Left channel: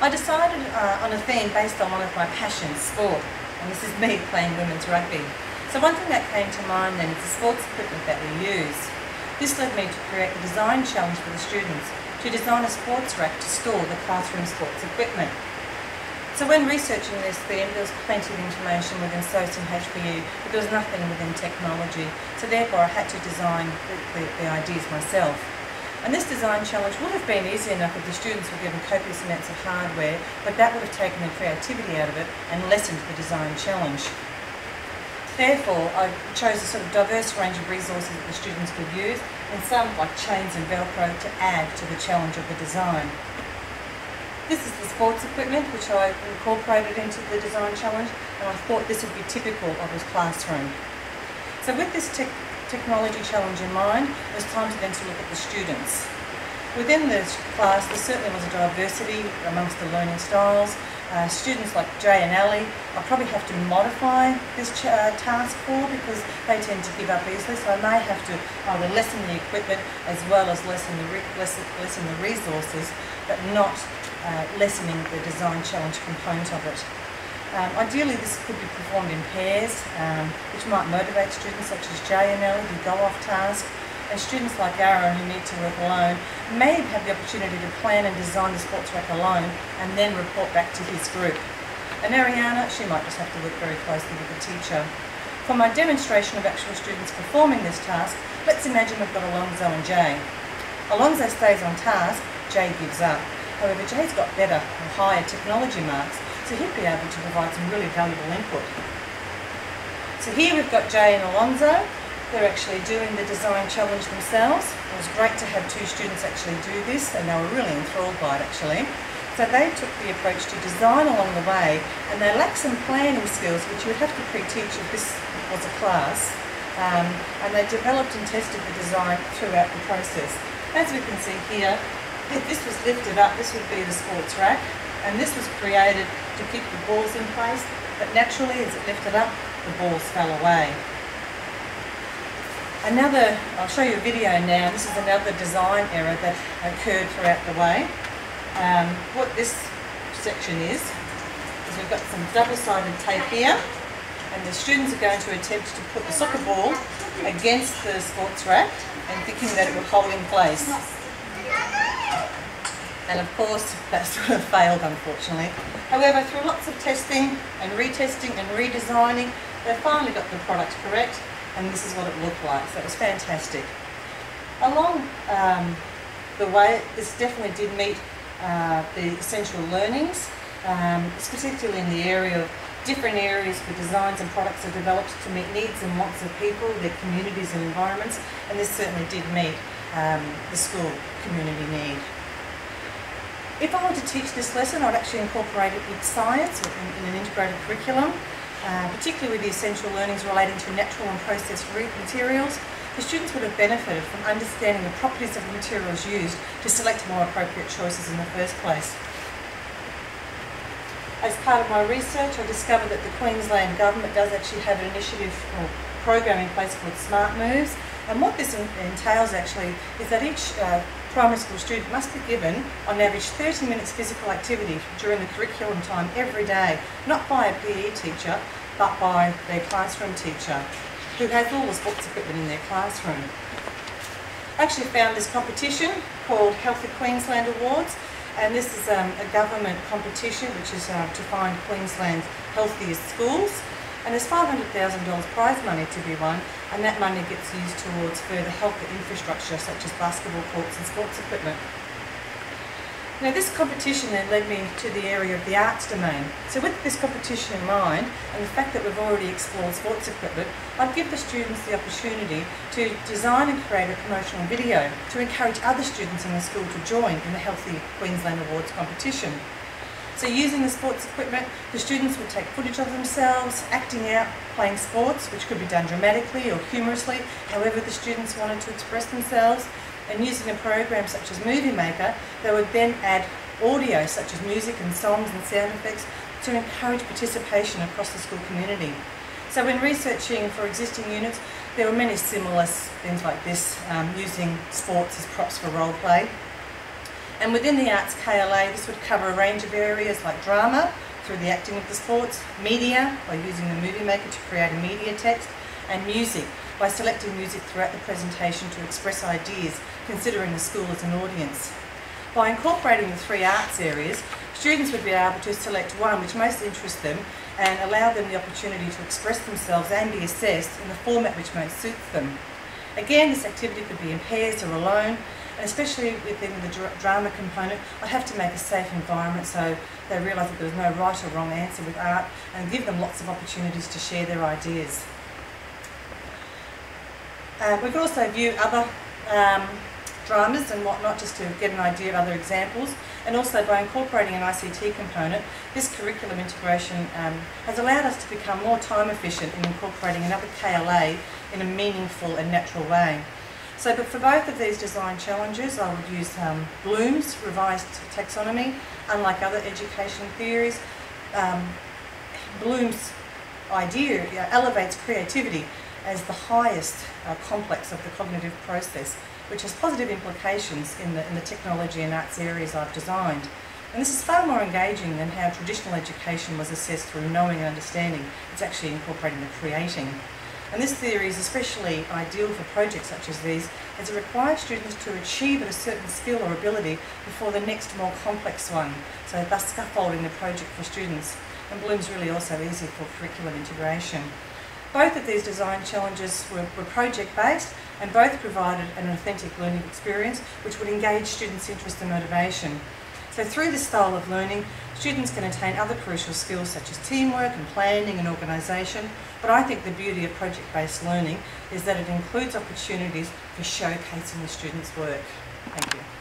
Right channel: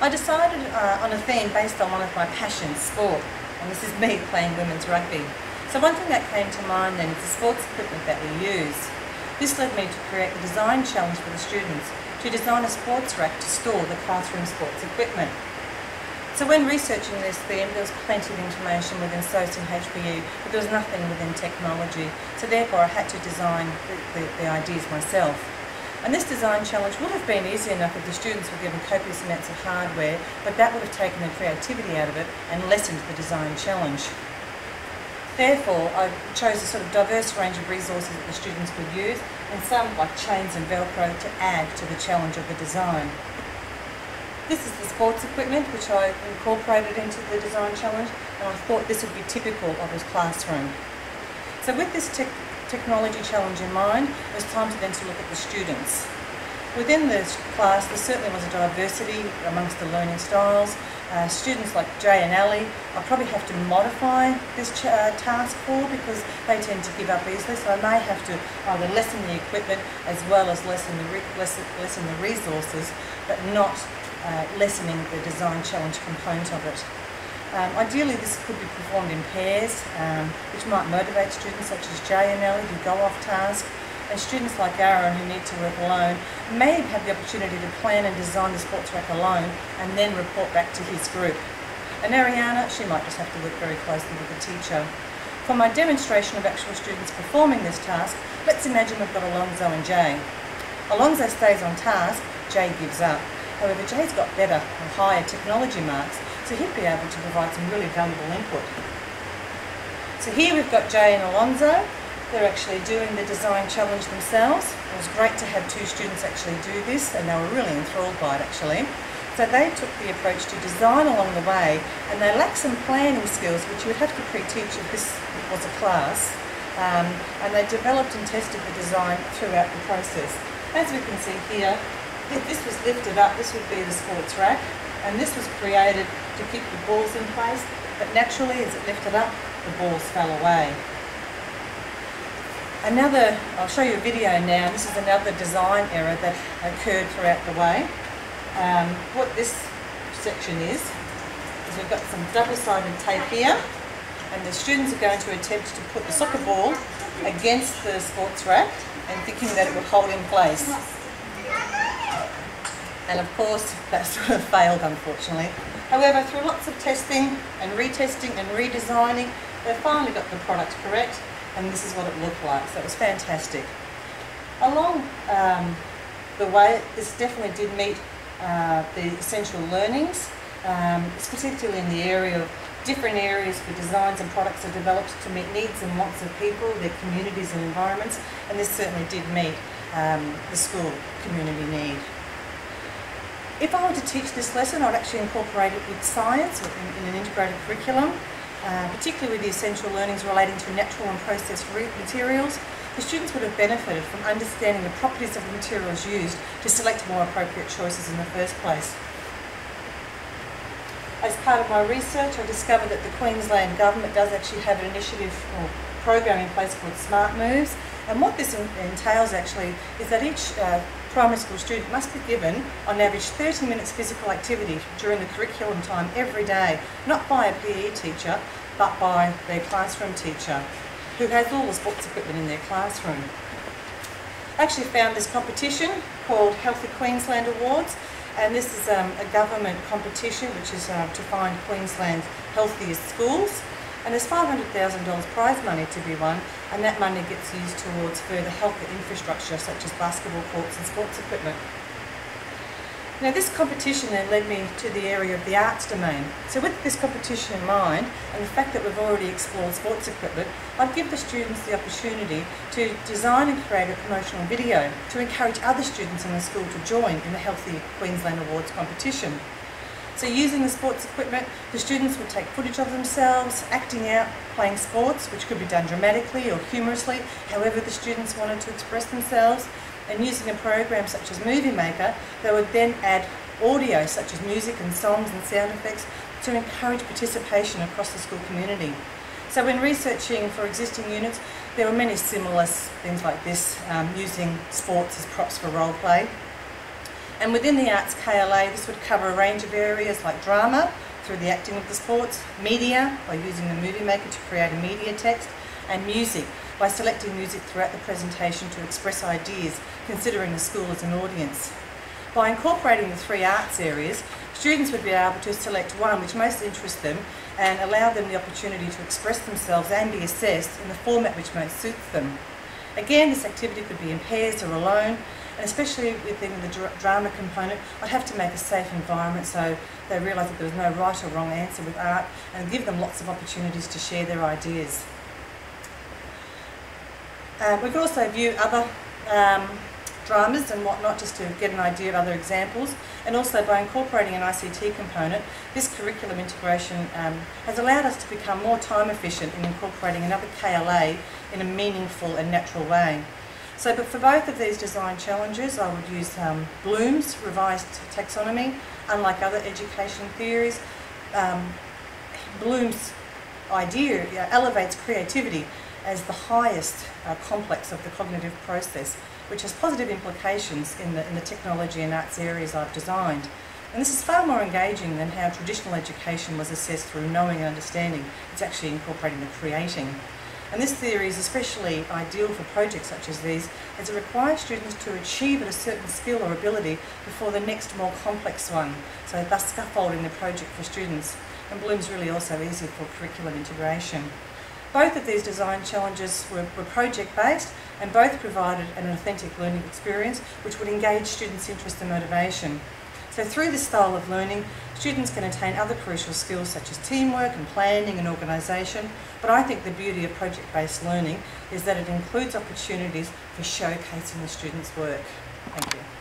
I decided on a theme based on one of my passions, sport, and this is me playing women's rugby. So one thing that came to mind then is the sports equipment that we use. This led me to create the design challenge for the students to design a sports rack to store the classroom sports equipment. So when researching this theme, there was plenty of information within SOS and HPU, but there was nothing within technology. So therefore I had to design the ideas myself. And this design challenge would have been easy enough if the students were given copious amounts of hardware, but that would have taken the creativity out of it and lessened the design challenge. Therefore, I chose a sort of diverse range of resources that the students could use, and some, like chains and Velcro, to add to the challenge of the design. This is the sports equipment which I incorporated into the design challenge, and I thought this would be typical of a classroom. So with this technology challenge in mind, it was time to then look at the students. Within this class, there certainly was a diversity amongst the learning styles. Students like Jay and Ali, I'll probably have to modify this task for because they tend to give up easily, so I may have to either lessen the equipment as well as lessen the resources, but not lessening the design challenge component of it. Ideally, this could be performed in pairs, which might motivate students such as Jay and Ellie who go off task, and students like Aaron who need to work alone may have the opportunity to plan and design the sports rack alone and then report back to his group. And Ariana, she might just have to work very closely with the teacher. For my demonstration of actual students performing this task, let's imagine we've got Alonzo and Jay. Alonzo stays on task, Jay gives up. However, Jay's got better and higher technology marks, so he'd be able to provide some really valuable input. So here we've got Jay and Alonzo. They're actually doing the design challenge themselves. It was great to have two students actually do this, and they were really enthralled by it actually. So they took the approach to design along the way, and they lack some planning skills which you would have to pre-teach if this was a class. And they developed and tested the design throughout the process. As we can see here, if this was lifted up, this would be the sports rack, and this was created to keep the balls in place, but naturally as it lifted up, the balls fell away. I'll show you a video now. This is another design error that occurred throughout the way. What this section is we've got some double-sided tape here, and the students are going to attempt to put the soccer ball against the sports rack and thinking that it will hold in place. And of course, that sort of failed, unfortunately. However, through lots of testing and retesting and redesigning, they finally got the product correct, and this is what it looked like. So it was fantastic. Along the way, this definitely did meet the essential learnings, particularly in the area of different areas where designs and products are developed to meet needs and wants of people, their communities and environments, and this certainly did meet the school community need. If I were to teach this lesson, I'd actually incorporate it with science in an integrated curriculum, particularly with the essential learnings relating to natural and processed materials. The students would have benefited from understanding the properties of the materials used to select more appropriate choices in the first place. As part of my research, I discovered that the Queensland Government does actually have an initiative or program in place called Smart Moves, and what this entails actually is that each primary school student must be given on average 30 minutes physical activity during the curriculum time every day, not by a PE teacher but by their classroom teacher who has all the sports equipment in their classroom. I actually found this competition called Healthy Queensland Awards, and this is a government competition which is to find Queensland's healthiest schools. And there's $500,000 prize money to be won, and that money gets used towards further health infrastructure such as basketball courts and sports equipment. Now this competition then led me to the area of the arts domain. So with this competition in mind, and the fact that we've already explored sports equipment, I'd give the students the opportunity to design and create a promotional video to encourage other students in the school to join in the Healthy Queensland Awards competition. So using the sports equipment, the students would take footage of themselves, acting out, playing sports, which could be done dramatically or humorously, however the students wanted to express themselves, and using a program such as Movie Maker, they would then add audio such as music and songs and sound effects to encourage participation across the school community. So when researching for existing units, there were many similar things like this, using sports as props for role play. And within the arts KLA, this would cover a range of areas like drama, through the acting of the sports, media, by using the movie maker to create a media text, and music, by selecting music throughout the presentation to express ideas, considering the school as an audience. By incorporating the 3 arts areas, students would be able to select one which most interests them and allow them the opportunity to express themselves and be assessed in the format which most suits them. Again, this activity could be in pairs or alone, and especially within the drama component, I'd have to make a safe environment so they realise that there was no right or wrong answer with art, and give them lots of opportunities to share their ideas. We could also view other dramas and whatnot just to get an idea of other examples, and also by incorporating an ICT component, this curriculum integration has allowed us to become more time efficient in incorporating another KLA in a meaningful and natural way. So, but for both of these design challenges, I would use Bloom's revised taxonomy. Unlike other education theories, Bloom's idea elevates creativity as the highest complex of the cognitive process, which has positive implications in the technology and arts areas I've designed. And this is far more engaging than how traditional education was assessed through knowing and understanding. It's actually incorporating the creating. And this theory is especially ideal for projects such as these, as it requires students to achieve at a certain skill or ability before the next more complex one, so thus scaffolding the project for students. And Bloom's really also easy for curriculum integration. Both of these design challenges were project-based, and both provided an authentic learning experience which would engage students' interest and motivation. So through this style of learning, students can attain other crucial skills such as teamwork and planning and organisation, but I think the beauty of project-based learning is that it includes opportunities for showcasing the students' work. Thank you.